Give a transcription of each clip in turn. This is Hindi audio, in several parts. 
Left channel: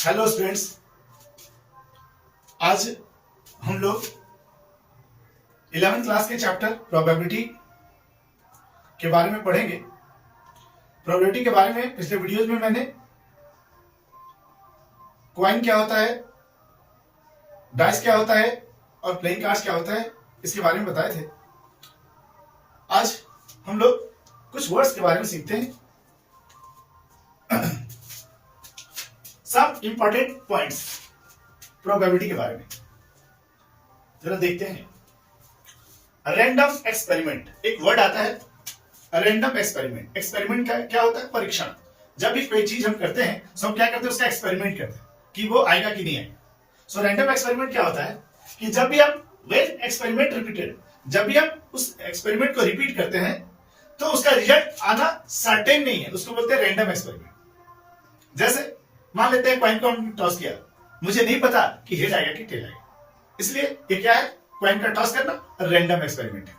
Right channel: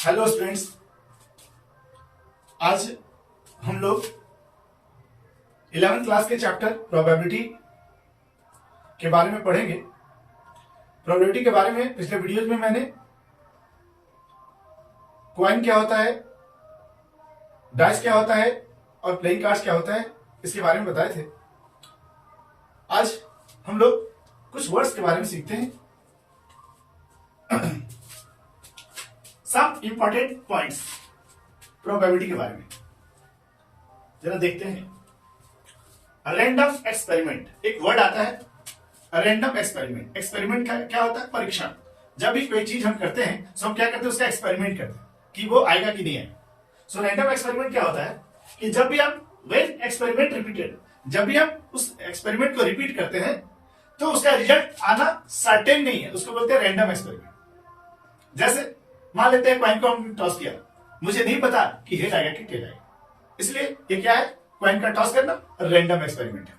हेलो स्टूडेंट्स, आज हम लोग 11th क्लास के चैप्टर प्रोबेबिलिटी के बारे में पढ़ेंगे। प्रोबेबिलिटी के बारे में पिछले वीडियोज में मैंने कॉइन क्या होता है, डाइस क्या होता है और प्लेइंग कार्ड्स क्या होता है, इसके बारे में बताए थे। आज हम लोग कुछ वर्ड्स के बारे में सीखते हैं। सम इंपॉर्टेंट पॉइंट्स प्रोबेबिलिटी के बारे में जरा देखते हैं। रैंडम एक्सपेरिमेंट एक वर्ड आता है। रैंडम एक्सपेरिमेंट, एक्सपेरिमेंट क्या होता है? परीक्षण। जब भी कोई चीज हम करते हैं तो हम क्या करते हैं, उसका एक्सपेरिमेंट करते हैं कि वो आएगा कि नहीं आएगा। सो रैंडम एक्सपेरिमेंट क्या होता है कि जब भी हम एक्सपेरिमेंट रिपीटेड, जब भी हम उस एक्सपेरिमेंट को रिपीट करते हैं तो उसका रिजल्ट आना सर्टेन नहीं है, उसको बोलते हैं रैंडम एक्सपेरिमेंट। जैसे मान लेते हैं कॉइन को हम टॉस किया, मुझे नहीं पता कि हेड आएगा कि टेल आएगा, इसलिए ये क्या है? कॉइन का टॉस करना रैंडम एक्सपेरिमेंट है।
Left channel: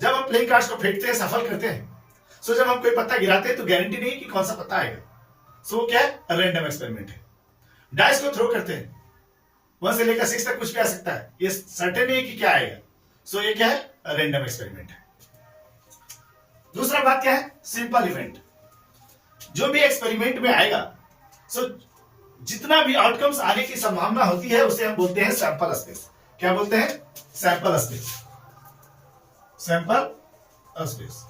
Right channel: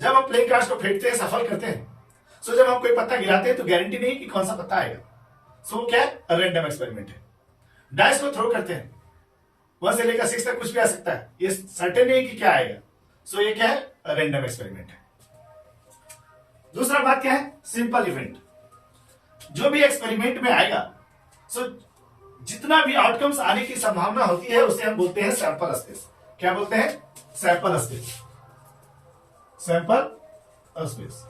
जब हम प्लेइंग कार्ड्स को फेंकते हैं, सफल करते हैं, सो जब हम कोई पत्ता गिराते हैं तो गारंटी नहीं कि कौन सा पत्ता आएगा, सो क्या है? रैंडम एक्सपेरिमेंट है। डाइस को थ्रो करते हैं, 1 से लेकर 6 तक कुछ भी आ सकता है, ये सर्टेन नहीं कि क्या आएगा, सो ये क्या है? रैंडम एक्सपेरिमेंट है। दूसरा बात क्या है? Simple event. जो भी एक्सपेरिमेंट में आएगा, सो जितना भी आउटकम्स आने की संभावना होती है उसे हम बोलते हैं सैंपल स्पेस। क्या बोलते हैं? Sample space. Sample space.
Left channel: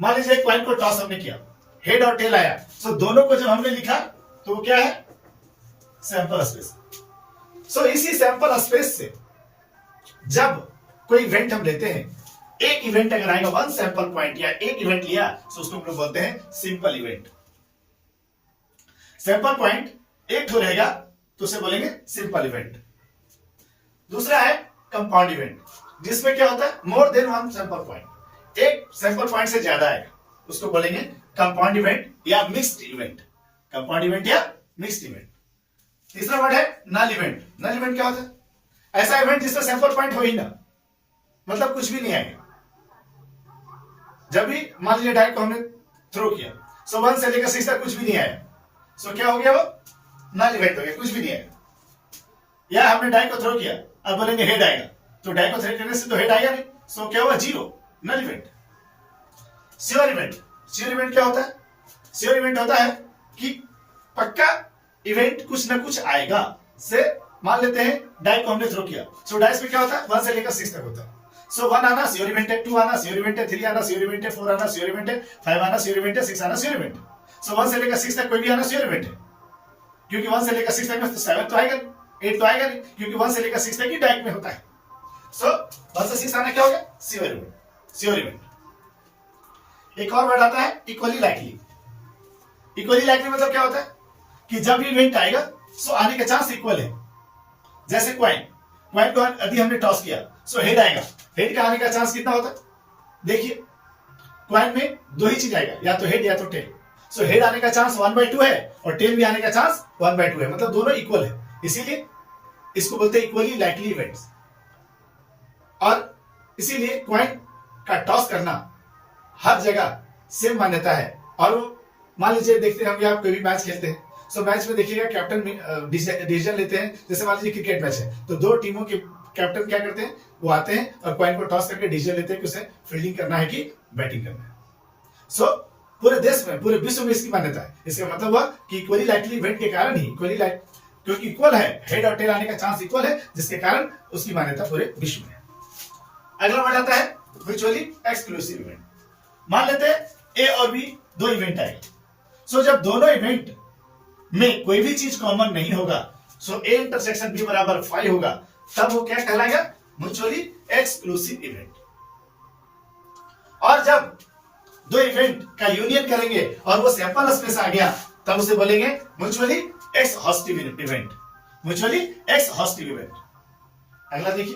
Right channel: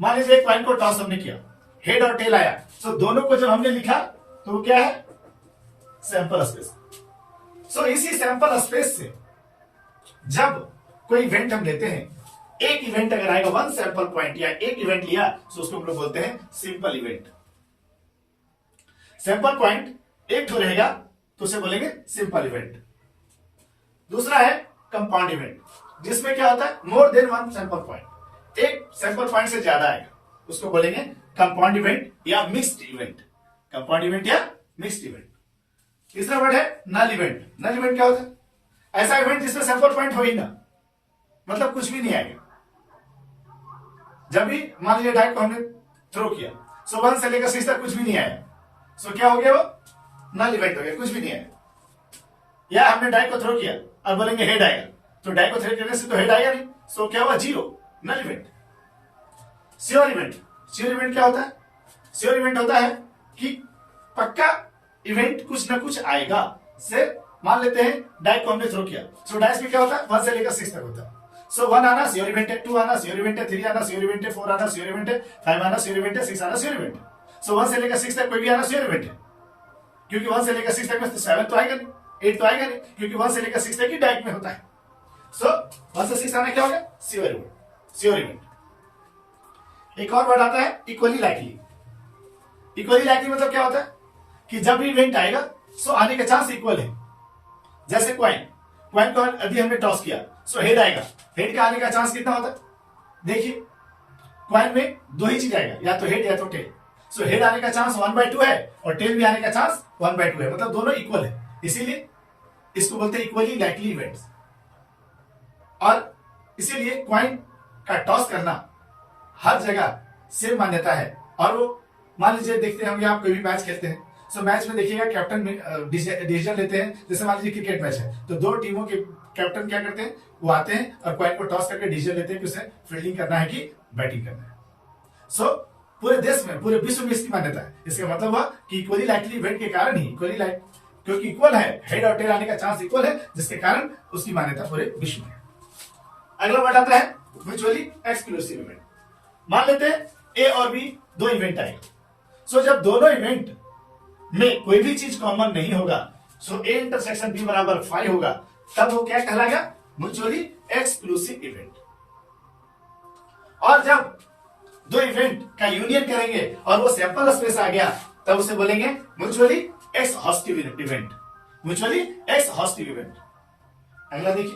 मान लीजिए कॉइन को टॉस हमने किया, हेड और टेल आया, सो दोनों को जब हमने लिखा तो वो क्या है? Sample space. सो इसी सैंपल स्पेस से जब कोई इवेंट हम लेते हैं, एक इवेंट अगर आएगा, 1 सैंपल पॉइंट या एक इवेंट लिया, तो उसको हम लोग बोलते हैं सिंपल इवेंट। सैंपल पॉइंट एक ठो रहेगा तो उसे बोलेंगे सिंपल इवेंट। दूसरा है कंपाउंड इवेंट, जिसमें क्या होता है? मोर देन 1 सैंपल पॉइंट, एक सैंपल पॉइंट से ज्यादा आएगा, उसको बोलेंगे कंपाउंड इवेंट या मिक्स्ड इवेंट। कंपाउंड इवेंट या मिक्स्ड इवेंट। तीसरा वर्ड है नल इवेंट। नल इवेंट क्या होता है? ऐसा इवेंट जिसमें सैंपल पॉइंट हो ही ना, मतलब कुछ भी नहीं आएगा। जब भी मान लीजिए डाई को हमने थ्रो किया, सो 1 से लेकर 6 तक कुछ भी नहीं आया, सो क्या हो गया? वो नल इवेंट हो गया, कुछ भी नहीं आया। या हमने डाई को थ्रो किया और बोलेंगे हेड आएगा, तो डाई को थ्रो करने से तो हेड आएगा नहीं, सो क्या हुआ? 0, null event. Sure event. Sure event क्या होता है? श्योर इवेंट होता है कि पक्का इवेंट कुछ ना कुछ आएगा। से मान लेते हैं डाई को हमने थ्रो किया, सो डाइस में क्या होता है? 1 से लेकर 6 तक होता है। सो 1 आना श्योर इवेंट है, 2 आना श्योर इवेंट है, 3 आना श्योर इवेंट है, 4 आना श्योर इवेंट है, 5 आना श्योर इवेंट है, 6 आना श्योर इवेंट है। सो 1 से लेकर 6 तक कोई भी आना श्योर इवेंट है, क्योंकि 1 से लेकर 6 तक में 7 तो आएगा नहीं, 8 तो आएगा नहीं, क्योंकि 1 से लेकर 6 तक ही डायरेक्ट में होता है। सो 1 से 6 आना क्या हो गया? Sure event. Sure event. एक और वर्ड आता है इक्वली लाइकली। इक्वली लाइकली मतलब क्या होता है कि जब भी इवेंट आएगा, सो आने का चांस इक्वल है। जैसे क्वाइन को यदि हमने टॉस किया, सो हेड आएगा, हेड का आने का चांस कितना होता है? देखिए क्वाइन में 2 ही चीज आएगा, या तो हेड या तो टेल। सो हेड आने का चांस 1/2 है और टेल भी आने का चांस 1/2 है, मतलब दोनों इक्वल है, इसीलिए इसको बोलते हैं इक्वली लाइकली इवेंट्स। और इसीलिए क्वाइन का टॉस करना हर जगह सेम मान्यता है। और वो मान लीजिए देखते हैं, हम आप कोई भी मैच खेलते हैं, सो मैच में देखिएगा कैप्टन डिसीजन लेते हैं। जैसे मान लीजिए क्रिकेट मैच है, तो 2 टीमों के कैप्टन क्या करते हैं? वो आते हैं और कॉइन को टॉस करके डिसीजन लेते हैं कि उसे फील्डिंग करना है कि बैटिंग करना है। सो पूरे देश में, पूरे विश्व में इसकी मान्यता है। इसका मतलब हुआ कि इक्वली लाइकली इवेंट के कारण ही, क्योंकि इक्वल है, हेड और टेल आने का चांस इक्वल है, जिसके कारण उसकी मान्यता पूरे विश्व में है। अगला वर्ड आता है म्यूचुअली एक्सक्लूसिव इवेंट। मान लेते हैं ए और बी 2 इवेंट आएंगे, सो जब दोनों इवेंट में कोई भी चीज कॉमन नहीं होगा, सो ए इंटरसेक्शन बी बराबर 5 होगा, तब वो क्या कहलाएगा? Mutually exclusive event. और जब 2 इवेंट का यूनियन करेंगे और वो सैंपल स्पेस आ गया, तब उसे बोलेंगे mutually exhaustive event. Mutually exhaustive event. अगला देखिए,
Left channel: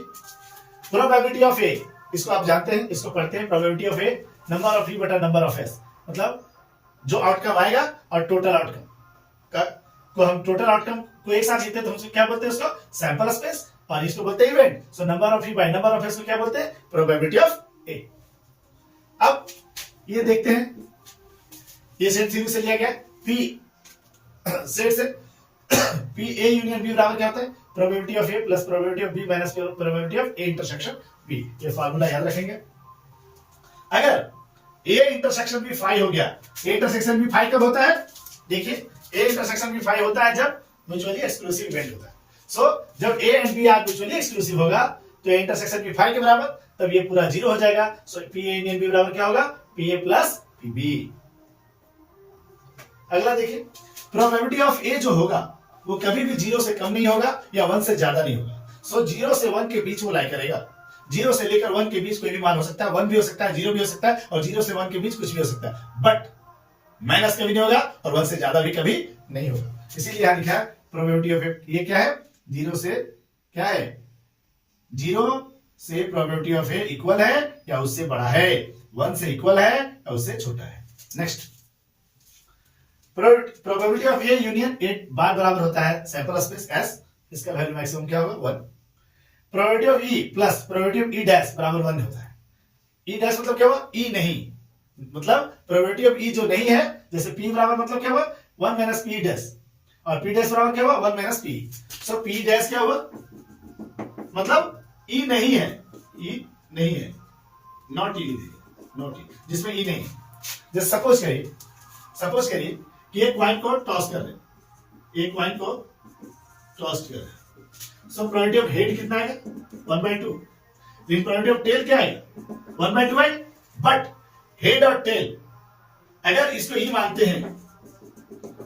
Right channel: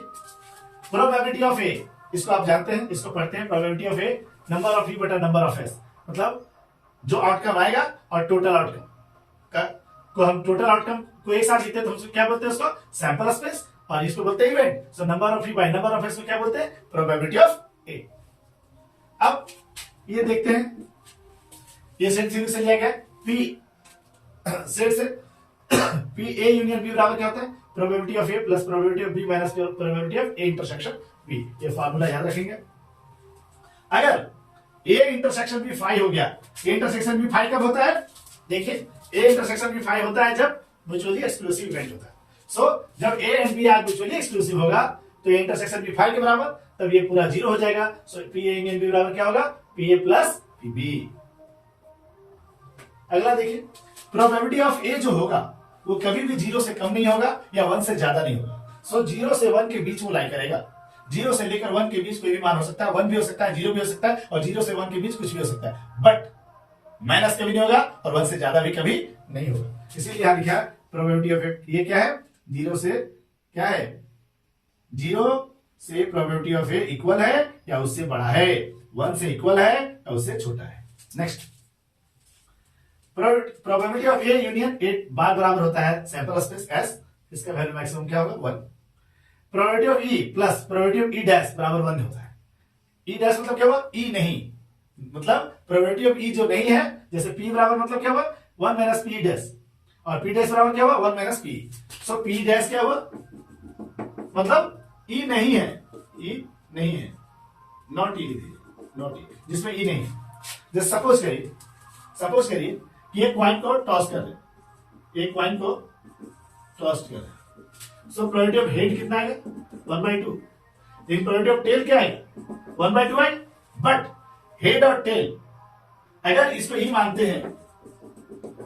प्रोबेबिलिटी ऑफ ए। इसको आप जानते हैं, इसको पढ़ते हैं। Probability of A number of E बटा नंबर ऑफ एस, मतलब जो आउटकम आएगा और टोटल आउटकम को हम टोटल आउटकम को एक साथ लिखते हैं, तो हम क्या बोलते हैं? उसको सैंपल स्पेस, और इसको बोलते हैं event. So number of E by number of S को क्या बोलते हैं? प्रोबेबिलिटी ऑफ ए। अब ये देखते हैं, ये सेट थ्योरी से लिया गया। पी सेट से पी ए यूनियन बी बराबर क्या होता है, probability of A plus probability of B minus probability of A intersection B. ये फार्मूला याद रखेंगे। अगर ए इंटरसेक्शन बी फाई हो गया, ए इंटरसेक्शन बी फाई कब होता है, देखिए ए इंटरसेक्शन बी फाई होता है जब म्यूचुअली एक्सक्लूसिव इवेंट होता है। सो जब A and B are mutually exclusive होगा तो ए इंटरसेक्शन बी फाई के बराबर, तब ये पूरा जीरो हो जाएगा। So P A union B बराबर क्या होगा, P A plus P B. अगला देखिए, प्रोबेबिलिटी ऑफ ए जो होगा वो कभी भी जीरो से कम नहीं होगा या 1 से ज्यादा नहीं होगा। सो 0 से 1 के बीच वो लाई करेगा। 0 से लेकर 1 के बीच कोई भी मान हो सकता है, 1 भी हो सकता है, 0 भी हो सकता है, और 0 से 1 के बीच कुछ भी हो सकता है, बट माइनस कभी नहीं होगा और 1 से ज्यादा भी कभी नहीं होगा। इसीलिए यहां लिखा है प्रोबेबिलिटी ऑफ ये क्या है, 0 से क्या है, 0 से प्रोबेबिलिटी ऑफ ए इक्वल है या उससे बड़ा है, 1 से इक्वल है या उससे छोटा है। Next, probability of A union A bar बराबर होता है सैंपल स्पेस एस, इसका वैल्यू मैक्सिमम क्या होगा 1। Probability of E plus probability of E dash बराबर 1 होता है। ई डैश मतलब क्या हुआ, ई नहीं, मतलब प्रोबेबिलिटी ऑफ ई जो नहीं है, जैसे पी बराबर मतलब क्या हुआ 1 माइनस पी डैश, और पी डैश बराबर क्या हुआ 1 माइनस पी। सो पी डैश क्या हुआ, मतलब ई नहीं है, ई नहीं है, नॉट ई, नॉट ई, जिसमें ई नहीं है। जैसे सपोज करिए कि एक कॉइन को टॉस कर रहे, एक कॉइन को टॉस कर रहे, सो प्रोबेबिलिटी ऑफ हेड कितना आएगा 1/2, लेकिन प्रोबेबिलिटी ऑफ टेल क्या आएगा 1/2 आएगा। बट हेड और टेल अगर इसको ई मानते हैं,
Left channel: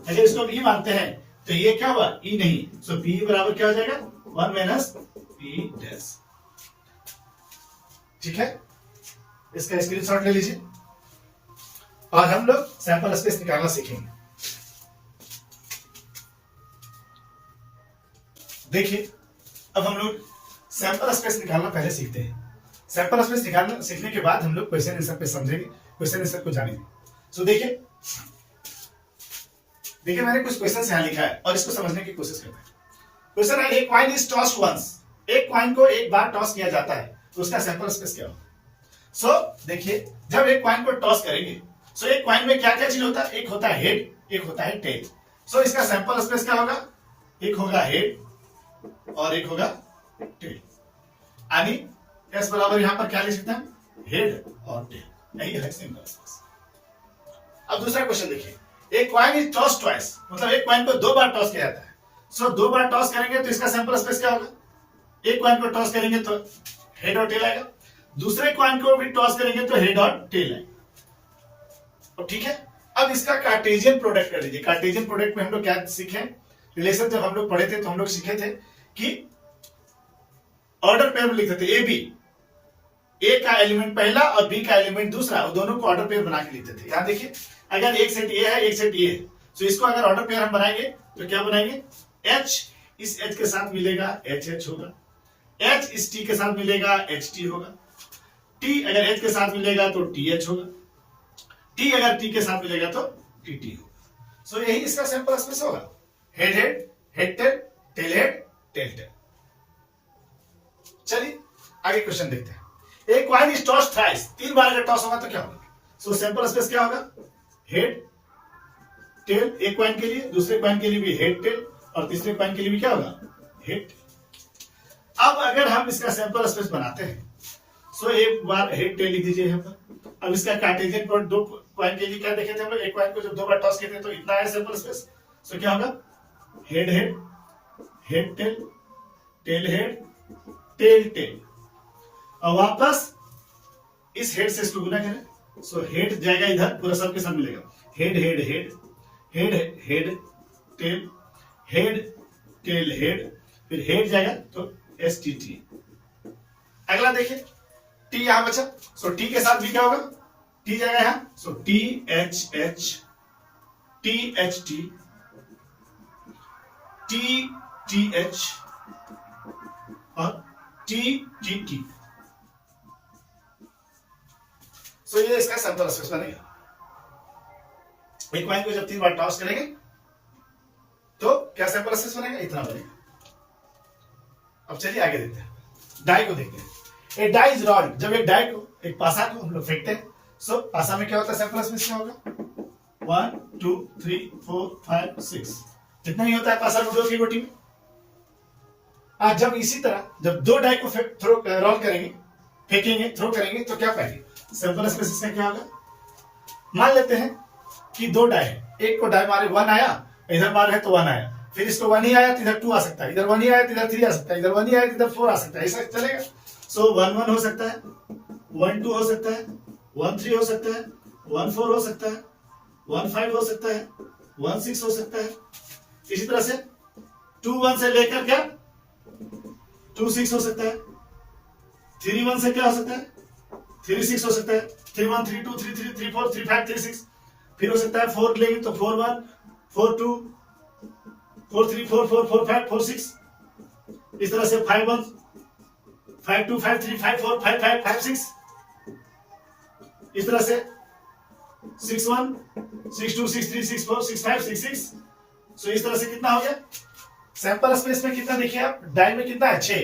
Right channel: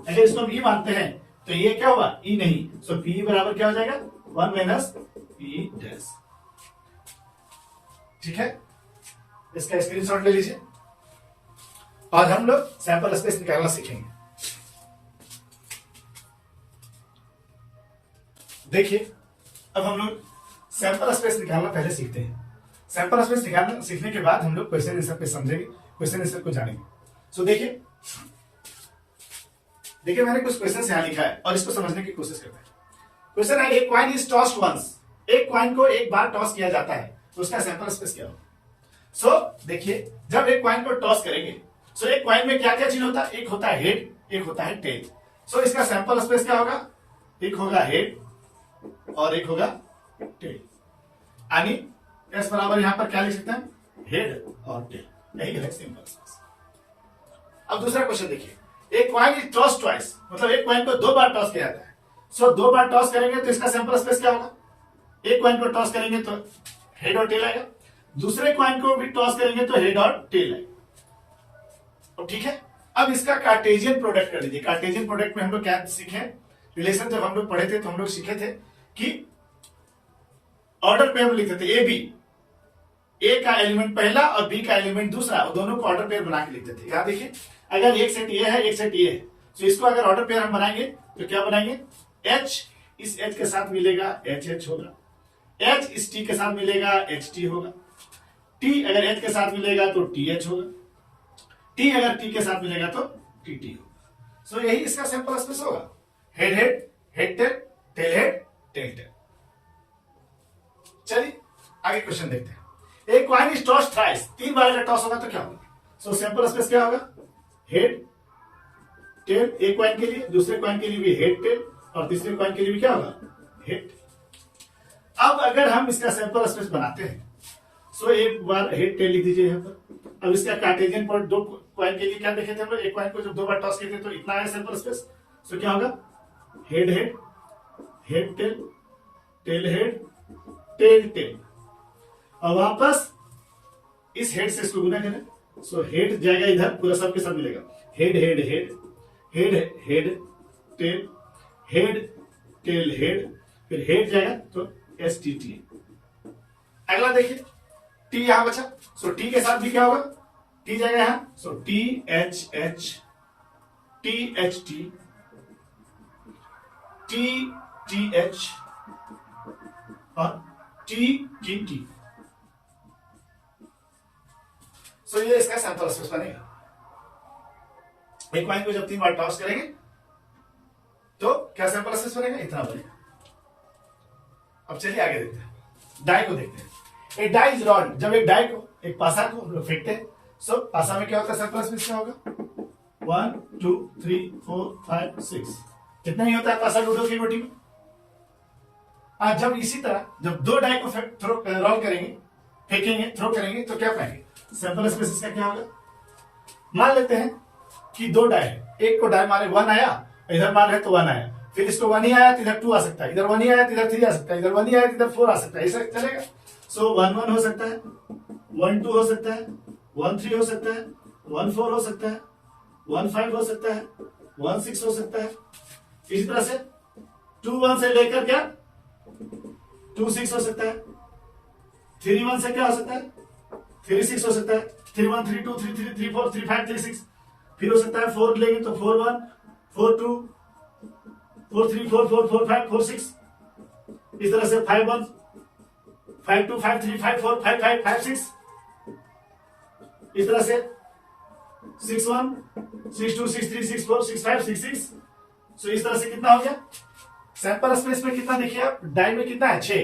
अगर इसको ई मानते हैं तो ये क्या हुआ ई नहीं। सो पी बराबर क्या हो जाएगा 1 माइनस पी डैश। ठीक है, इसका स्क्रीनशॉट ले लीजिए और हम लोग सैंपल स्पेस निकालना सीखेंगे। देखिए, अब हम लोग सैंपल स्पेस निकालना पहले सीखते हैं। सैंपल स्पेस निकालना सीखने के बाद हम लोग क्वेश्चन आंसर पे समझेंगे, क्वेश्चन आंसर को जानेंगे। सो देखिए मैंने कुछ क्वेश्चन यहां लिखा है और इसको समझने की कोशिश करते हैं। क्वेश्चन है, एक कॉइन इज टॉस्ड वंस, एक कॉइन को एक बार टॉस किया जाता है तो उसका सैंपल स्पेस क्या होगा। सो देखिए, जब एक कॉइन को टॉस करेंगे, सो एक कॉइन में क्या क्या चीज होता है, एक होता है हेड, एक होता है टेल। सो इसका सैंपल स्पेस क्या होगा, एक होगा हेड और एक होगा टेल, यानी एस बराबर यहां पर क्या लिख सकते हैं, हेड और टेल, यही है सिंपल स्पेस। अब दूसरा क्वेश्चन देखिए, एक कॉइन इज टॉस ट्वाइस, मतलब एक कॉइन को 2 बार टॉस किया जाता है। सो 2 बार टॉस करेंगे तो इसका सैंपल स्पेस क्या होगा, एक कॉइन को टॉस करेंगे तो हेड और टेल आएगा, दूसरे कॉइन को भी टॉस करेंगे तो हेड और टेल आएगा। ठीक है, अब इसका कार्टेशियन प्रोडक्ट कर लीजिए। कार्टेशियन प्रोडक्ट में हम लोग क्या सीखे, रिलेशन जब हम लोग पढ़े थे तो हम लोग सीखे थे कि ऑर्डर पेयर में लिखते थे ए बी, ए का एलिमेंट पहला और बी का एलिमेंट दूसरा, और दोनों को ऑर्डर पेयर बना के लिखते थे। यहां देखिए, अगर एक सेट ए है एक सेट ए है, तो इसको अगर ऑर्डर पेयर हम बनाएंगे तो क्या बनाएंगे, एच इस एच के साथ मिलेगा एच एच होगा, एच इस टी के साथ मिलेगा एच टी होगा, टी अगर एच के साथ मिलेगा तो टी एच होगा, टी अगर टी के साथ मिलेगा तो टी टी होगा। सो यही इसका सैंपल स्पेस होगा, head head, head tail, tail head, tail tail. चलिए आगे क्वेश्चन देखते हैं। एक कॉइन इज टॉस थ्राइस, 3 बार अगर टॉस होगा तो क्या होगा। सो सैंपल स्पेस क्या होगा, हेड टेल, एक कॉइन के लिए, दूसरे कॉइन के लिए भी हेड टेल, और तीसरे कॉइन के लिए भी क्या होगा, हेड। अब अगर हम इसका सैंपल स्पेस बनाते हैं, सो एक बार हेड टेल लिख दीजिए यहां पर। अब इसका कार्टेशियन प्रोडक्ट 2 कॉइन के लिए क्या देखे थे हम लोग, एक कॉइन को जब 2 बार टॉस किए थे तो इतना है सैंपल स्पेस। सो क्या होगा, head head, head tail, tail head, tail tail, और वापस इस हेड से इसको गुना करें। सो हेड जाएगा इधर, पूरा सबके साथ मिलेगा, head head head, head head tail, head tail head, फिर हेड जाएगा तो एस टी टी। अगला देखिए, टी यहां बचा, सो टी के साथ भी क्या होगा, टी जाएगा यहां, so T H H, T H T, T T H और टी टी टी। सो ये इसका सैंपल स्पेस बनेगा। एक कॉइन को जब 3 बार टॉस करेंगे तो क्या सैंपल स्पेस बनेगा, इतना बनेगा। अब चलिए आगे देखते हैं, डाई को देखते हैं। एक डाई इज रॉल्ड, जब एक डाई को, एक पासा को हम लोग फेंकते हैं, सो पासा में क्या होता है, सैंपल स्पेस क्या होगा, 1 2 3 4 5 6, कितना ही होता है पासा लूडो की गोटी में। आज जब इसी तरह जब दो डाई को थ्रो रोल करेंगे, फेंकेंगे, थ्रो करेंगे, तो क्या पाएंगे? सैंपल स्पेस इसका क्या होगा? मान लेते हैं कि दो डाई है, एक को डाई मारे 1 आया, इधर मार है तो 1 आया, फिर इसको 1 ही आया तो इधर 2 आ सकता है, इधर 1 ही आया तो इधर 3 आ सकता है, इधर 1 ही आया तो इधर 4 आ सकता है, ऐसा चलेगा। सो 1 1 हो सकता है, 1 2 हो सकता है, 1 3 हो सकता है, 1 4 हो सकता है, 1 5 हो सकता है, 1 6 हो सकता है। इसी तरह से 2 1 से लेकर क्या 2 6 हो सकता है, 3 1 से क्या हो सकता है 3 6 हो सकता है, 3 1 3 2 3 3 3 4 3 5 3 6, फिर हो सकता है 4 लेंगे तो 4 1 4 2 4 3 4 4 4 5 4 6, इस तरह से 5 1 5 2 5 3 5 4 5 5 5 6, इस तरह से 6 1 6 2 6 3 6 4 6 5 6 6। सो इस तरह से कितना हो गया? सैंपल स्पेस में कितना देखिए आप, डाई में कितना है 6,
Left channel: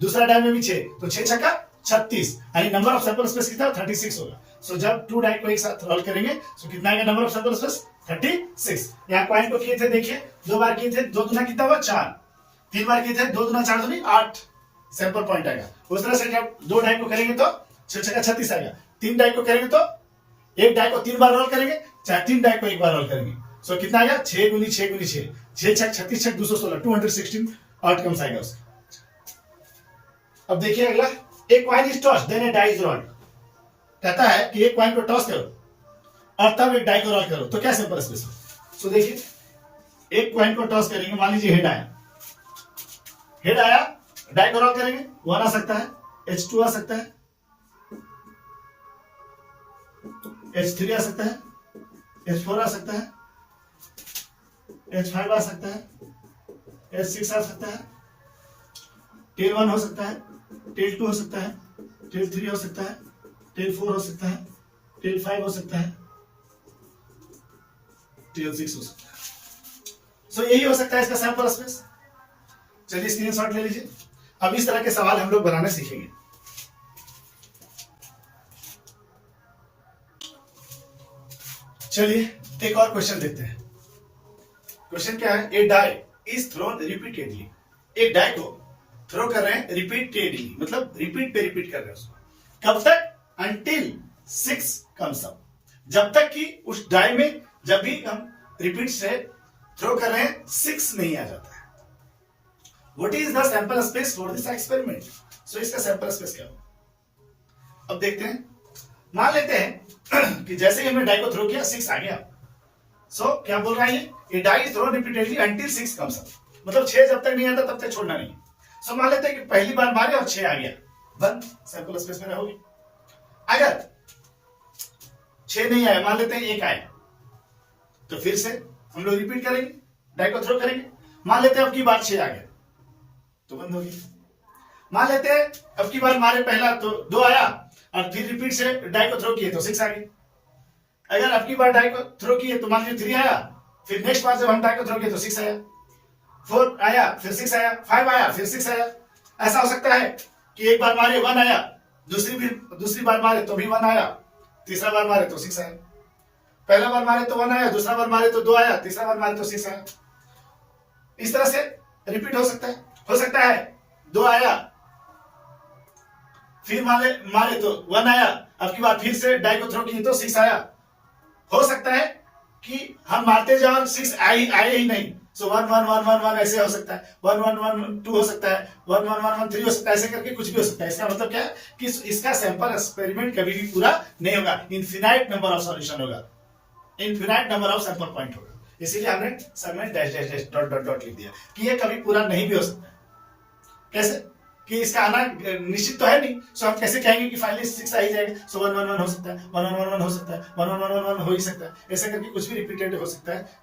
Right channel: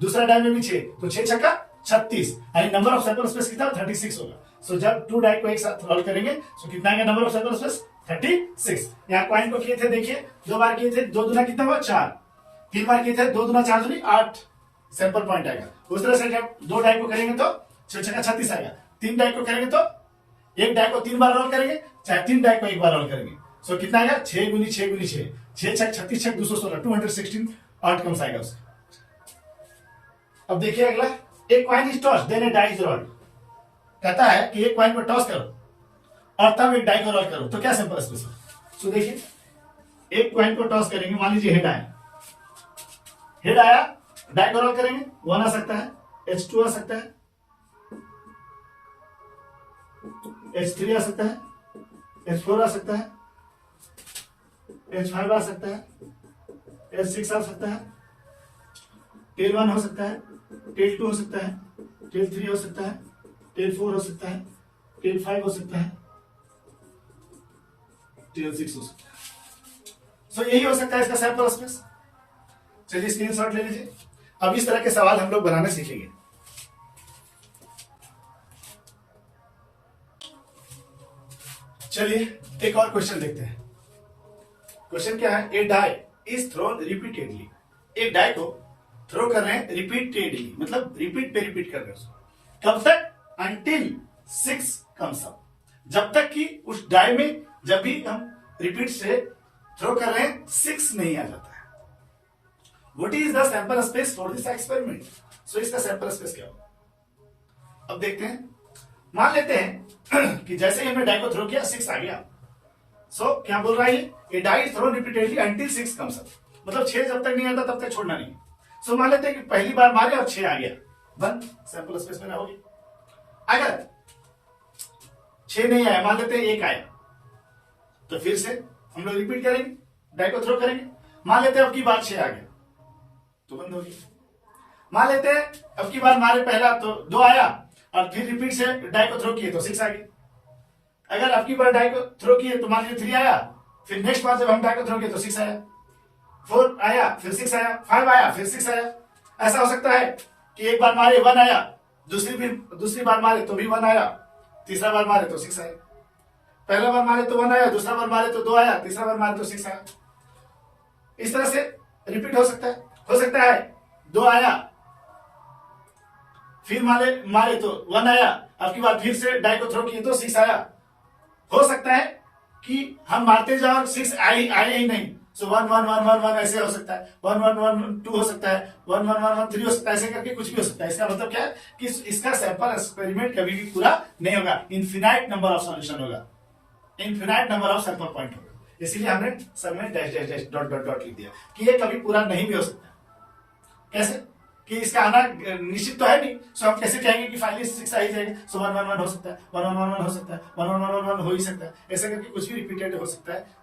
दूसरा डाई में भी 6, तो 6 छक्का 36, यानी नंबर ऑफ सैंपल स्पेस कितना 36 होगा। सो जब 2 डाई को एक साथ रोल करेंगे तो कितना आएगा नंबर ऑफ सैंपल स्पेस 36। यहाँ कॉइन को किए थे देखिए 2 बार किए थे, 2 दूना कितना हुआ 4, 3 बार किए थे 2 दूना 4 दूनी 8 सैंपल पॉइंट आएगा। उस तरह से जब 2 डाई को करेंगे तो 6 छक्का 36 आएगा, 3 डाई को करेंगे तो एक डाई को 3 बार रोल करेंगे, चाहे 3 डाई को एक बार रोल करेंगे। सो कितना आएगा 6 गुनी 6 गुनी 6, 6 छक 36 छक 216, 216 आउटकम्स आएगा उसका। अब देखिए अगला, एक coin is toss then a die is rolled. कहता है कि एक कॉइन को टॉस करो और तब एक डाई को रोल करो, तो क्या सैंपल स्पेस है? सो देखिए एक कॉइन को टॉस करेंगे, मान लीजिए हेड आया, हेड आया, डाई को रोल करेंगे, 1 आ सकता है, H2 आ सकता है, H3 आ सकता है, H4 आ सकता है, H5 आ सकता है, H6 आ सकता है, टेल 1 हो सकता है, टेल 2 हो सकता है, टेल 3 हो सकता है, टेल 4 हो सकता है, टेल 5 हो सकता है, टेल 6 हो सकता है। सो यही हो सकता है इसका सैंपल स्पेस। चलिए स्क्रीनशॉट ले लीजिए। अब इस तरह के सवाल हम लोग बनाने सीखेंगे। चलिए एक और क्वेश्चन देखते हैं। क्वेश्चन क्या है? ए डाई इज थ्रोन रिपीटेडली। एक डाई को थ्रो कर रहे हैं रिपीटेडली, मतलब रिपीट पे रिपीट कर रहे हैं उसको। कब तक? अंटिल 6 कम्स अप, जब तक कि उस डाई में जब भी हम रिपीट से थ्रो कर रहे हैं 6 नहीं आ जाता है। What is the sample space for this experiment? So इसका सैंपल स्पेस क्या होगा? अब देखते हैं। मान लेते हैं कि जैसे ही हमने डाई को थ्रो किया 6 आ गया। सो क्या बोल रहा है ये? Die is thrown repeatedly until 6 comes up, मतलब 6 जब तक नहीं आता तब तक छोड़ना नहीं। सो मान लेते हैं कि पहली बार मारे और 6 आ गया, वन सैंपल स्पेस में होगी। अगर 6 नहीं आया, मान लेते हैं 1 आया, तो फिर से हम लोग रिपीट करेंगे, डाई को थ्रो करेंगे। मान लेते हैं अब की बार 6 आ गया तो बंद होगी। मान लेते हैं अब की बार मारे पहला तो 2 आया और फिर रिपीट से डाई को थ्रो किए तो 6 आ गए। अगर अब की बार डाई को थ्रो किए तो मान लीजिए 3 आया, फिर नेक्स्ट बार जब हम डाई को थ्रो किए तो 6 आया, 4 आया, फिर 6 आया, 5 आया, फिर 6 आया। ऐसा हो सकता है कि एक बार मारे 1 आया, दूसरी बार मारे तो भी 1 आया, तीसरा बार मारे तो 6 आया। पहला बार मारे तो 1 आया, दूसरा बार मारे तो 2 आया, तीसरा बार मारे तो 6 आया। इस तरह से रिपीट हो सकता है। हो सकता है 2 आया, फिर मारे तो 1 आया, अब की बार फिर से डाई को थ्रो किए तो 6 आया। हो सकता है कि हम मारते जाओ और 6 आए ही नहीं। सो 1 1 1 1 1 ऐसे हो सकता है, 1 1 1 2 हो सकता है, 1 1 1 1 3 हो सकता है, ऐसे करके कुछ भी हो सकता है। इसका मतलब क्या है कि इसका सैंपल एक्सपेरिमेंट कभी भी पूरा नहीं होगा, इनफिनाइट नंबर ऑफ सॉल्यूशन होगा, infinite number of sample point होगा। इसीलिए हमने सब में dash dash dash dot dot dot लिख दिया कि ये कभी पूरा नहीं भी हो सकता। कैसे कि इसका आना निश्चित तो है नहीं। सो हम कैसे कहेंगे कि फाइनली 6 आ ही जाएगा? सो 1 1 1 हो सकता है, 1 1 1 1 हो सकता है, 1 1 1 1 1 हो ही सकता है, ऐसे करके कुछ भी रिपीटेड हो सकता है।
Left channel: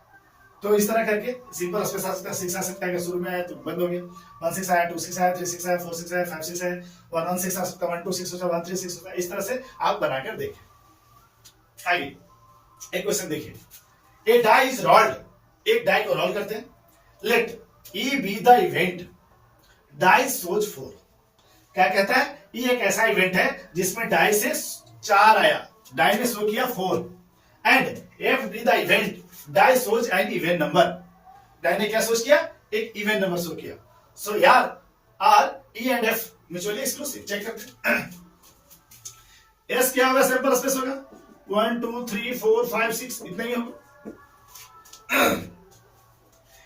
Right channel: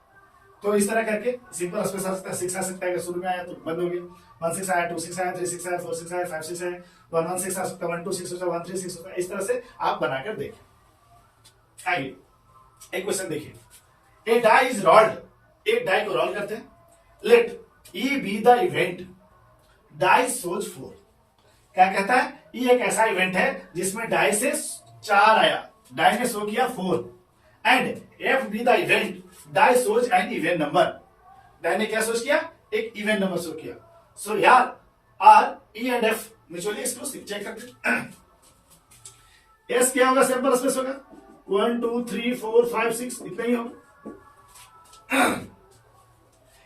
तो इस तरह करके सिंपल स्पेस आ सकता है, 6 आ सकता है, शुरू में आया तो बंद हो गया, 1 6 आया, 2 6 आया, 3 6 आया, 4 6 आया, 5 6 आया, 1 1 6 आ सकता है, 1 2 6 हो जाए, 1 3 6 होता है। इस तरह से आप बनाकर देखिए। आइए एक क्वेश्चन देखिए। ए डाई इज रोल्ड, एक डाई को रोल करते हैं। Let E be the event die shows 4। क्या कहता है? ये एक ऐसा इवेंट है जिसमें डाई से 4 आया, डाई ने शो किया 4, and F be the event die shows an even number. Die ने क्या सोच किया, एक इवन नंबर शो किया। सो यार are E and F mutually exclusive, check करते हैं। एस क्या होगा, सैंपल स्पेस होगा 1 2 3 4 5 6 इतना ही होगा।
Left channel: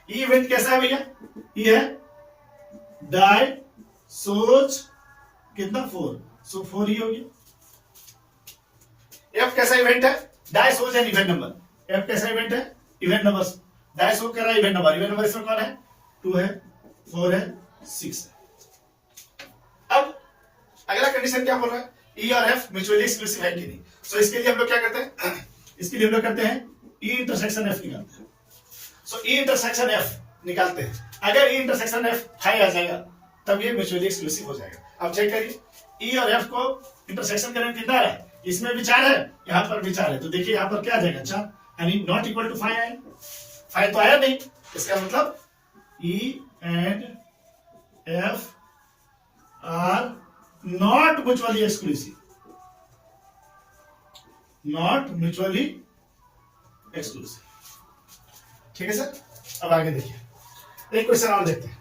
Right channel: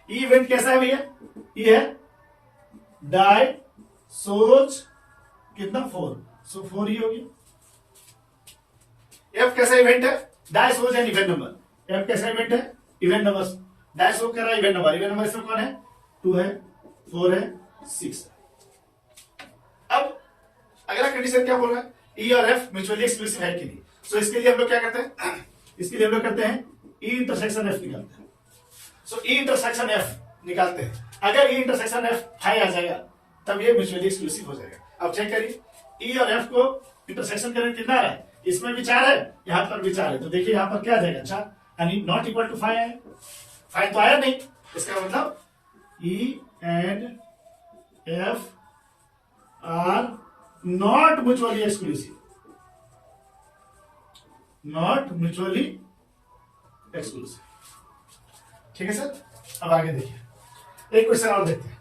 ई इवेंट कैसा है भैया, ये है डाई सोच कितना 4, सो 4 ही होगी। एफ कैसा इवेंट है, डाई सोच एंड इवेंट नंबर। एफ कैसा इवेंट है, इवेंट नंबर, डाई सोच कर रहा है इवेंट नंबर। इवेंट नंबर इसमें कौन है, 2 है, 4 है, 6 है। अब अगला कंडीशन क्या बोल रहा है, ई और एफ म्यूचुअली एक्सक्लूसिव है कि नहीं। सो इसके लिए हम लोग क्या करते हैं, इसके लिए हम लोग करते हैं ई इंटरसेक्शन एफ निकालते हैं। सो ई इंटरसेक्शन एफ निकालते हैं, अगर ई इंटरसेक्शन एफ हाई आ जाएगा तब ये म्यूचुअली एक्सक्लूसिव हो जाएगा। अब चेक करिए, ई और एफ को इंटरसेक्शन करने कितना आ रहा है, इसमें भी 4 है, यहां पर भी 4 है, तो देखिए यहां पर क्या आ जाएगा 4, यानी नॉट इक्वल टू 5 आया, 5 तो आया नहीं, इसका मतलब ई and F R not mutually exclusive, not mutually exclusive. ठीक है सर, अब आगे देखिए, एक क्वेश्चन और देखते हैं।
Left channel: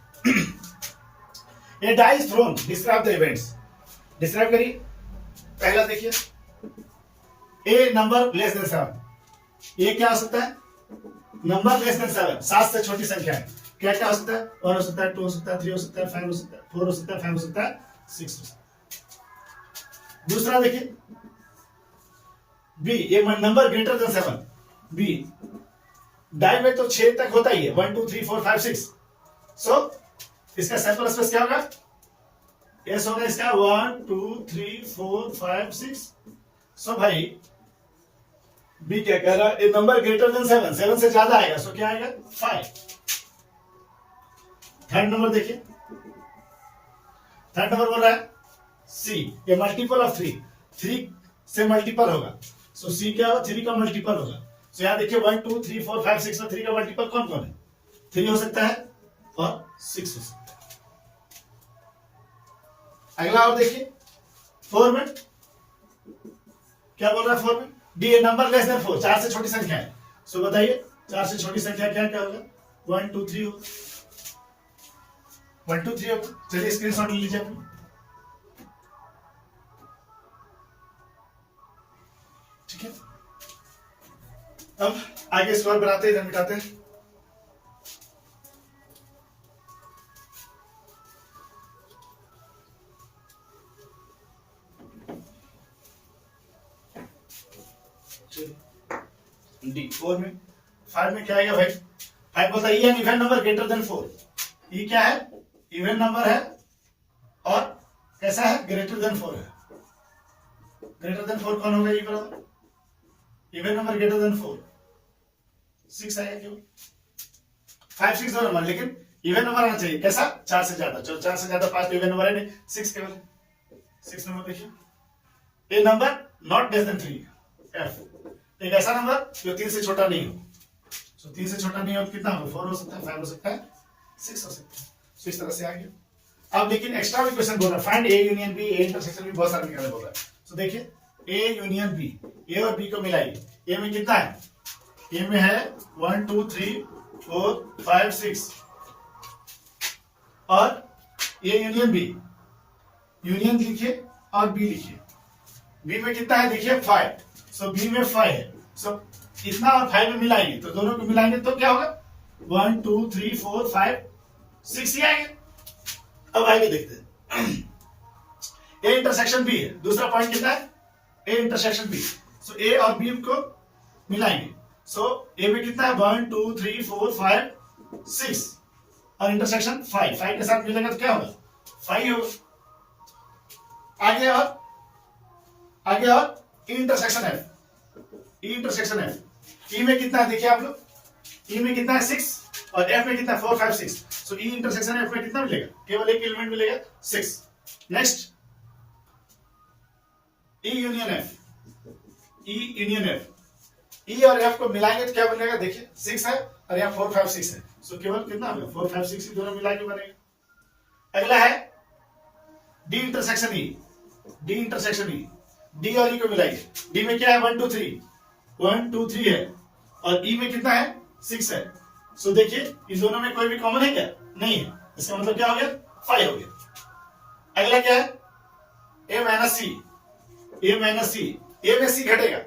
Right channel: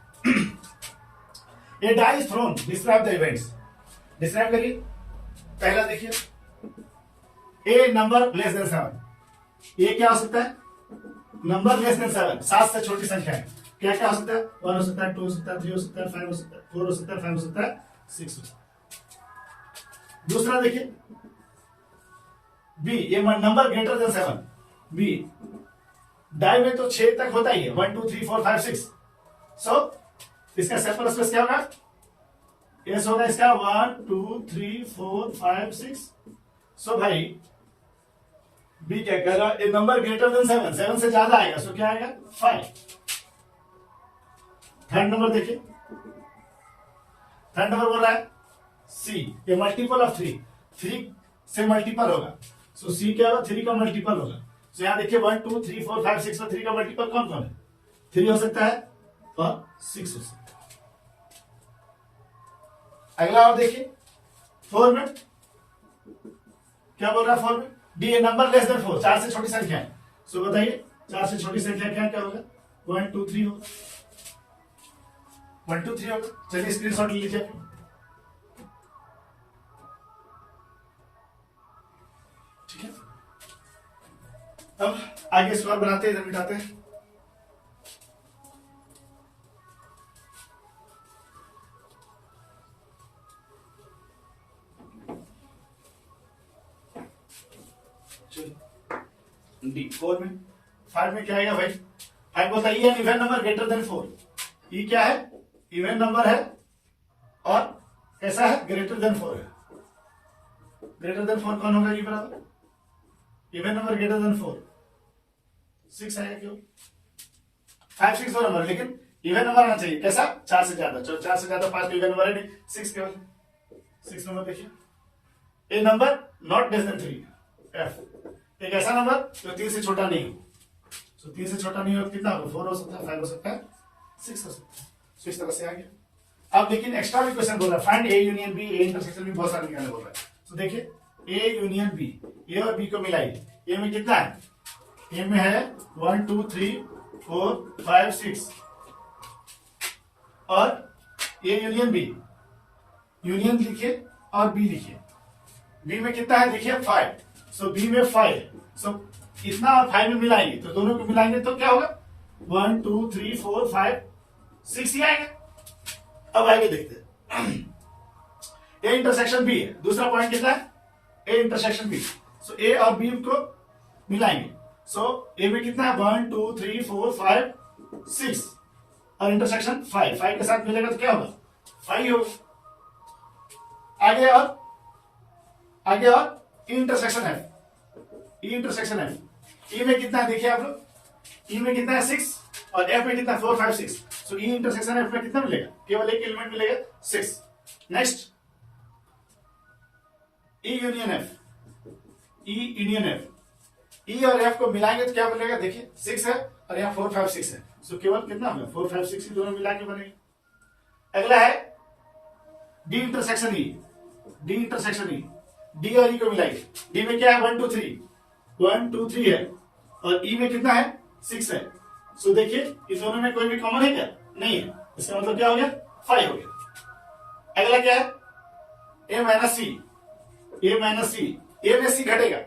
A die is thrown, describe the events, describe करिए। पहला देखिए, ए नंबर लेस देन 7, ये क्या हो सकता है, नंबर लेस देन 7, 7 से छोटी संख्या है, क्या क्या हो सकता है, 1 हो सकता है, 2 हो सकता है, 3 हो सकता है, 5 हो सकता है, 4 हो सकता है, 5 हो सकता है, 6 हो सकता है। दूसरा देखिए बी, ये number greater than 7, B die में तो 6 तक होता ही है, 1 2 3 4 5 6, सो इसका सैंपल स्पेस क्या होगा, एस होगा इसका 1 2 3 4 5 6। सो भाई बी क्या कह रहा है, ए नंबर ग्रेटर देन 7, 7 से ज्यादा आएगा, सो क्या आएगा 5। थर्ड नंबर देखिए, थर्ड नंबर बोल रहा है सी, ये मल्टीपल ऑफ 3, 3 से मल्टीपल होगा, सो सी क्या होगा, 3 का मल्टीपल होगा। सो यहां देखिए 1 2 3 4 5 6 में 3 का मल्टीपल कौन कौन है, 3 हो सकता है और 6 हो सकता है। अगला और देखिए 4 में क्या बोल रहा है, 4 में D A number less than 4, 4 से छोटी संख्या है, सो बताइए 4 से छोटी संख्या क्या क्या होगा, 1 2 3 होगा, 1 2 3 होगा। चलिए स्क्रीनशॉट ले लीजिए अपनी, ठीक है। अब आगे स्कोर बनाते हैं, इधर मिटाते हैं। डी 4 में, 5 में क्या आएगा भाई, 5 बोलता है E an even number greater than 4, E क्या है, इवन नंबर है और कैसा है, ग्रेटर देन 4 है। ग्रेटर देन 4 कौन होगा, ई बराबर इवन नंबर ग्रेटर देन 4, 6 आएगा क्यों, 5 6 दो नंबर, लेकिन इवन नंबर आना चाहिए, कैसा 4 से ज्यादा, 4 से ज्यादा 5 इवन नंबर है नहीं, 6 केवल, 6 नंबर देखिए, a number not less than 3, F एक ऐसा नंबर जो 3 से छोटा नहीं हो, सो 3 से छोटा नहीं हो कितना होगा, 4 हो सकता है, 5 हो सकता है, 6 हो सकता है। सो इस तरह से आ गया। अब लेकिन एक्स्ट्रा भी क्वेश्चन बोल रहा है, find A union B, A intersection भी बहुत सारे निकालने बोल रहा है। सो देखिए ए यूनियन बी, ए और बी को मिलाइए, ए में कितना है, ए में है 1 2 3 4 5 6 और ए यूनियन बी, यूनियन लिखिए और बी लिखिए, बी में कितना है देखिए 5, सो बी में 5 है, सो इतना और 5 में मिलाएंगे तो दोनों को मिलाएंगे तो क्या होगा 1 2 3 4 5 6 ही आएगा। अब आगे देखते हैं, ए इंटरसेक्शन बी है, दूसरा पॉइंट कितना है, ए इंटरसेक्शन बी, सो ए और बी को मिलाएंगे, सो ए में कितना है 1 2 3 4 5 6 और इंटरसेक्शन 5, 5 के साथ मिलेगा तो क्या होगा 5 होगा। आगे और intersection F, E intersection F, E में कितना है देखिए आप लोग, ई में कितना है 6 और एफ में कितना है 4 5 6, सो ई इंटरसेक्शन एफ में कितना मिलेगा, केवल एक एलिमेंट मिलेगा 6। Next E union F, E union F, E और एफ को मिलाएंगे तो क्या बनेगा देखिए 6 है और यहाँ 4 5 6 है, सो केवल कितना होगा 4 5 6 दोनों मिला के बनेगा। अगला है D intersection E, D intersection E, D और ई को मिलाइए, डी में क्या है 1 2 3 है और ई में कितना है 6 है, सो देखिए इन दोनों में कोई भी कॉमन है क्या? नहीं है। इसका मतलब क्या हो गया? 5 हो गया। अगला क्या है? ए माइनस सी, ए माइनस सी, ए में सी घटेगा,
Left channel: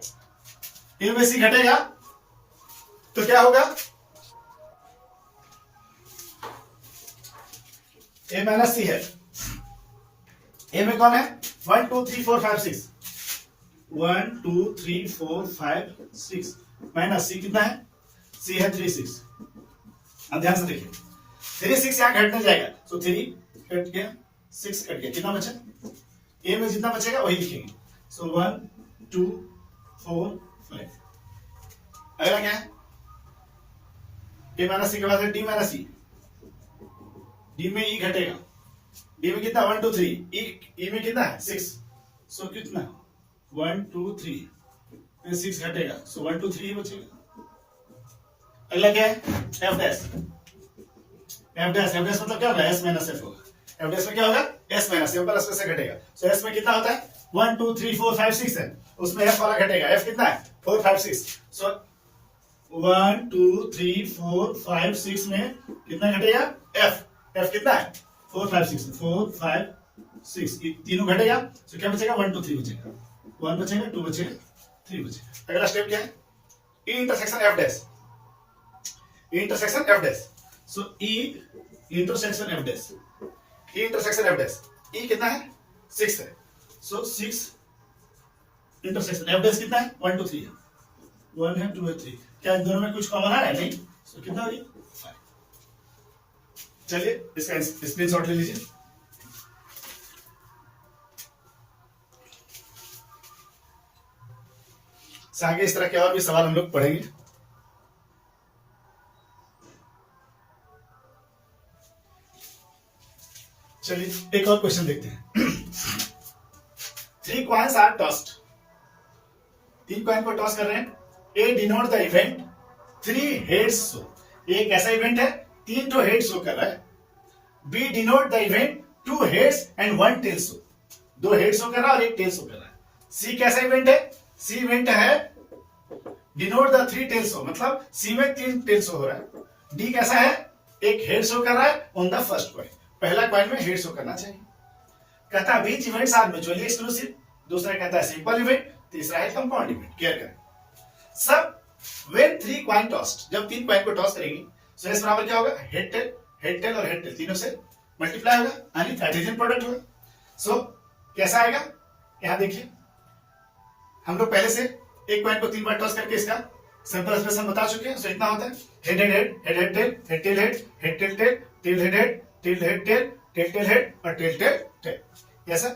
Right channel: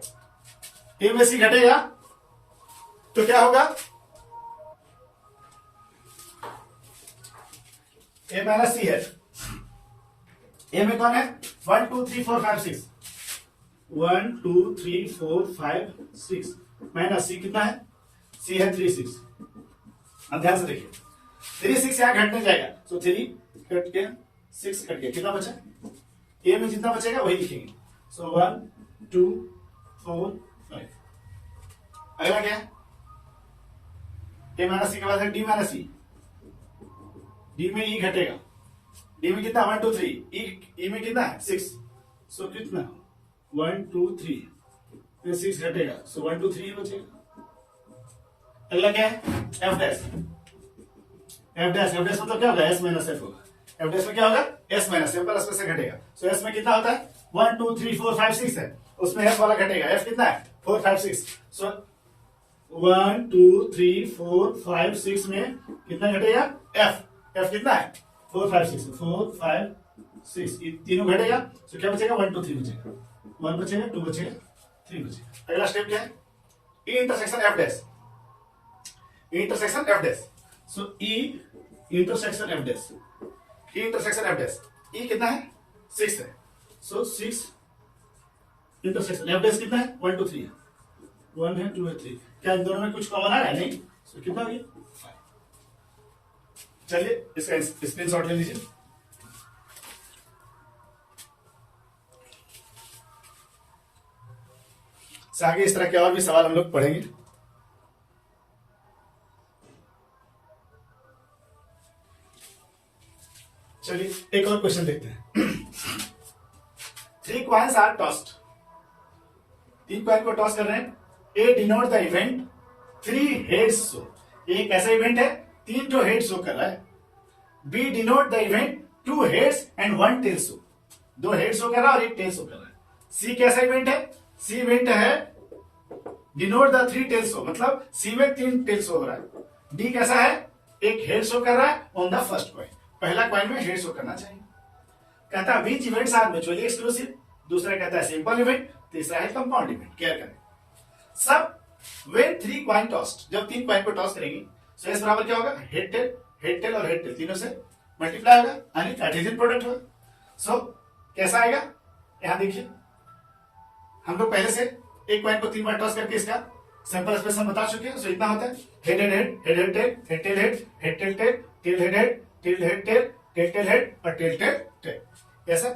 ए में सी घटेगा तो क्या होगा? ए माइनस सी है, ए में कौन है? 1 2 3 4 5 6, 1 2 3 4 5 6 माइनस सी कितना है? सी है 3 6। अब ध्यान से देखिए 3 6 यहां घटने जाएगा, सो 3 कट गया, 6 कट गया, कितना बचा? ए में जितना बचेगा वही लिखेंगे। सो 1 2 4 5। अगला क्या है? ए माइनस सी के बाद डी माइनस सी, डी में ई घटेगा, डी में कितना? 1 2 3, ई में कितना है? 6, सो कितना? 1 2 3 में 6 घटेगा, सो 1 2 3 ही बचेगा। अगला क्या है? F dash, F dash, F dash मतलब क्या होगा? एस माइनस एफ होगा। एफ डैश में क्या होगा? एस माइनस एफ प्लस से घटेगा। सो एस में कितना होता है? 1 2 3 4 5 6 है, उसमें एफ वाला घटेगा। एफ कितना है? 4 5 6। सो 1 2 3 4 5 6 में कितना घटेगा? एफ, एफ कितना है? 4 5 6, 4 5 6 ये तीनों घटेगा। सो क्या बचेगा? 1 2 3 बचेगा, 1 बचेगा, 2 बचेगा, 3 बचेगा। अगला स्टेप क्या है? E intersection F dash, intersection F dash. So E intersection F dash, E intersection F dash, E कितना है? 6 है, सो 6 इंटरसेक्शन एफ डैश कितना है? 1 2 3 है, 1 है, 2 है, 3। क्या इन दोनों में कुछ कॉमन है? नहीं। सो कितना हो गया? 5। चलिए इसका स्क्रीनशॉट ले लीजिए। आगे इस तरह के और भी सवाल हम लोग पढ़ेंगे। चलिए एक और क्वेश्चन देखते हैं। 3 coins आर टॉस्ड, 3 कॉइन को टॉस कर रहे हैं। A denote the event 3 heads show, ये कैसा इवेंट है? 3 तो हेड शो कर रहा है। B denote the event 2 heads and 1 tail show, 2 head show कर रहा है और 1 टेल शो कर रहा है। सी कैसा इवेंट है? सी इवेंट है डिनोट द 3 टेल शो, मतलब सी में 3 टेल शो हो रहा है। डी कैसा है? 1 हेड शो कर रहा है ऑन द फर्स्ट कॉइन, पहला कॉइन में हेड शो करना चाहिए। कहता है which events are mutually exclusive, दूसरा कहता है सिंपल इवेंट, तीसरा है कंपाउंड इवेंट। केयर करें सब। व्हेन 3 कॉइन टॉस्ड, जब 3 कॉइन को टॉस करेंगे सो एस बराबर क्या होगा? हेड टेल, हेड टेल और हेड टेल तीनों से मल्टीप्लाई होगा, यानी कार्टेशियन प्रोडक्ट होगा। सो कैसा आएगा? यहां देखिए हम लोग पहले से एक कॉइन को 3 बार टॉस करके इसका सिंपल एक्सप्रेशन बता चुके हैं। सो इतना होता है head head head, head head tail, head tail head, head tail tail, tail head head, tail head tail, tail tail head और टेल टेल टेल। ऐसा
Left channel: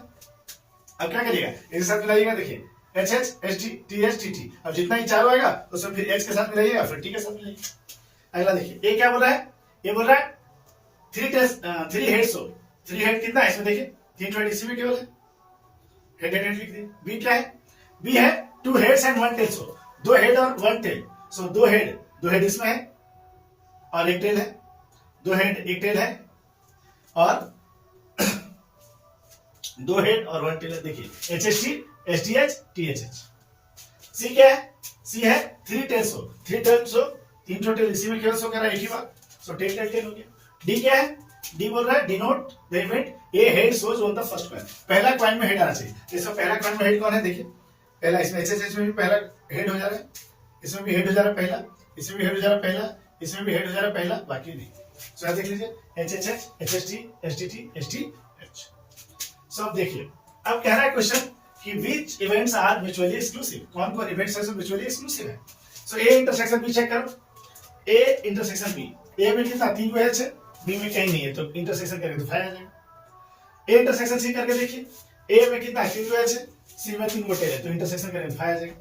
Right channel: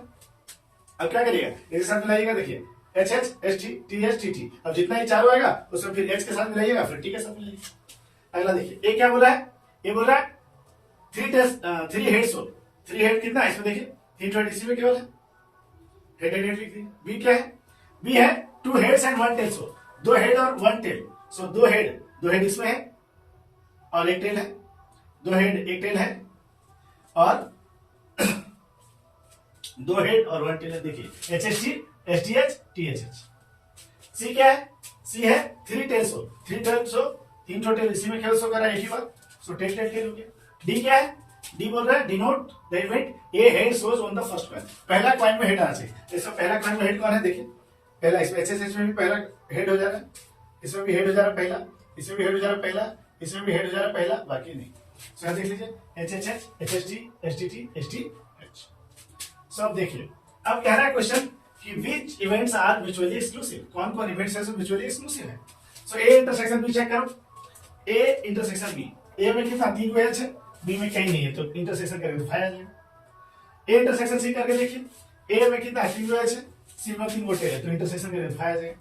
अब क्या करिएगा? एक साथ मिलाइएगा। देखिए H H H T T H T T, अब जितना ही चालू आएगा उसमें फिर एच के साथ मिलाइएगा, फिर टी के साथ मिलाइएगा। अगला देखिए ए क्या बोल रहा है? ये बोल रहा है 3 हेड शो, 3 हेड कितना है इसमें? देखिए 320, इसी में केवल है हेड हेड हेड लिख दिए। बी क्या है? बी है 2 heads and 1 tail show, 2 head और 1 टेल। सो 2 हेड इसमें है और 1 टेल है, 2 हेड 1 टेल है और 2 हेड और 1 टेल है। देखिए H H T H D H T H H. C क्या है? सी है 3 tail show, 3 tail show, 3 tail इसी में केवल शो कर रहा है एक ही बार। सो टेल टेल टेल हो गया। डी क्या है? डी बोल रहा है denote the event a head shows on the first coin, पहला कॉइन में हेड आना चाहिए। तो इसमें पहला कॉइन में हेड कौन है? देखिए पहला इसमें एच एच एच में भी पहला हेड हो जा रहा है, इसमें भी हेड हो जा रहा है पहला, इसमें भी हेड हो जा रहा है पहला, इसमें भी हेड हो जा रहा है पहला, बाकी नहीं। सो देख लीजिए H H H, H H T, H T T, H T H. So अब देखिए अब कह रहा है क्वेश्चन कि which events are mutually exclusive, कौन कौन इवेंट्स है जो म्यूचुअली एक्सक्लूसिव है। सो ए इंटरसेक्शन बी चेक करो, ए इंटरसेक्शन बी, ए में कितना 3 को एच है, बी में कहीं नहीं है, तो इंटरसेक्शन करेंगे तो 5 आ जाएगा। ए इंटरसेक्शन सी करके देखिए, ए में कितना है 3 को एच है, सी में 3 को टेल है, तो इंटरसेक्शन करेंगे तो 5 आ जाएगा।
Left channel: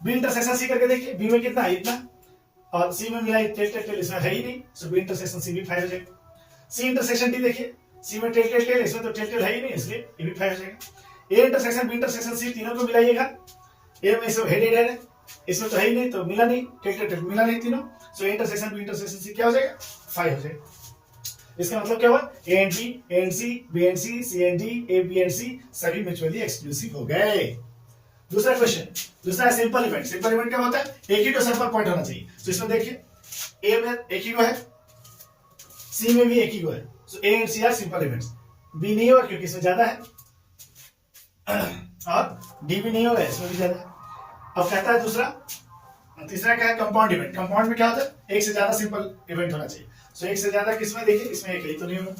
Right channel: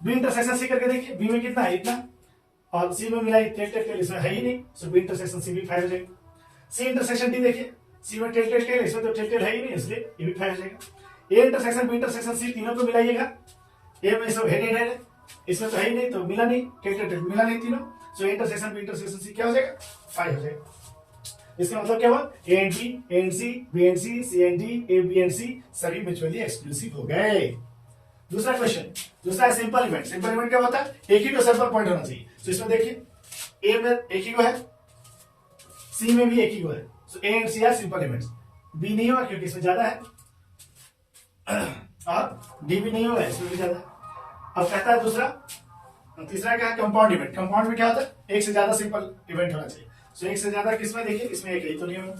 बी इंटरसेक्शन सी करके देखिए, बी में कितना है इतना और सी में मिला टेल टेल टेल, इसमें है ही नहीं, सो बी इंटरसेक्शन सी भी 5 हो जाएगा। सी इंटरसेक्शन डी देखिए, सी में टेल टेल टेल, इसमें तो टेल टेल है ही नहीं, इसलिए ये भी 5 हो जाएगा। A intersection B intersection C तीनों को मिलाइएगा, ए में सब हेड है, इसमें तो है ही नहीं, तो मिला नहीं, टेल टेल टेल मिला नहीं तीनों, सो इंटरसेक्शन बी इंटरसेक्शन सी क्या हो जाएगा? 5 हो जाएगा। इसका मतलब क्या हुआ? A and B, A and C, B and C, C and D, A B and C सभी म्यूचुअली एक्सक्लूसिव हो गए। दूसरा क्वेश्चन, दूसरा है सिंपल इवेंट। सिंपल इवेंट क्या होता है? एक ही तो सिंपल पॉइंट होना चाहिए। तो इसमें देखिए ए में एक ही को है, सी में भी एक ही को है, so A and C are simple events. B नहीं होगा क्योंकि इसमें ज्यादा है, और डी भी नहीं होगा, इसमें भी ज्यादा है। अब कहता है दूसरा, तीसरा क्या है, कंपाउंड इवेंट। कंपाउंड में क्या होता है, एक से ज्यादा सिंपल इवेंट होना चाहिए। सो एक से ज्यादा किसमें, देखिए इसमें एक है, तो नहीं होगा,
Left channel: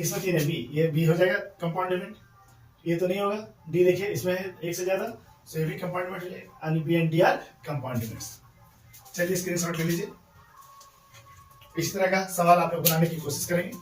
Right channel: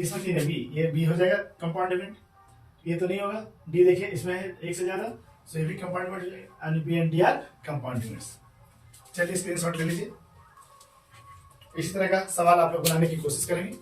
इसमें तीन है, बी, ये बी हो जाएगा कंपाउंड इवेंट, ये तो नहीं होगा। डी देखिए इसमें है एक से ज्यादा, सो ये भी कंपाउंड इवेंट हो जाएगा, यानी B and D are compound events. चलिए स्क्रीनशॉट ले लीजिए। इसी तरह का सवाल आप लोग बनाने की कोशिश करेंगे।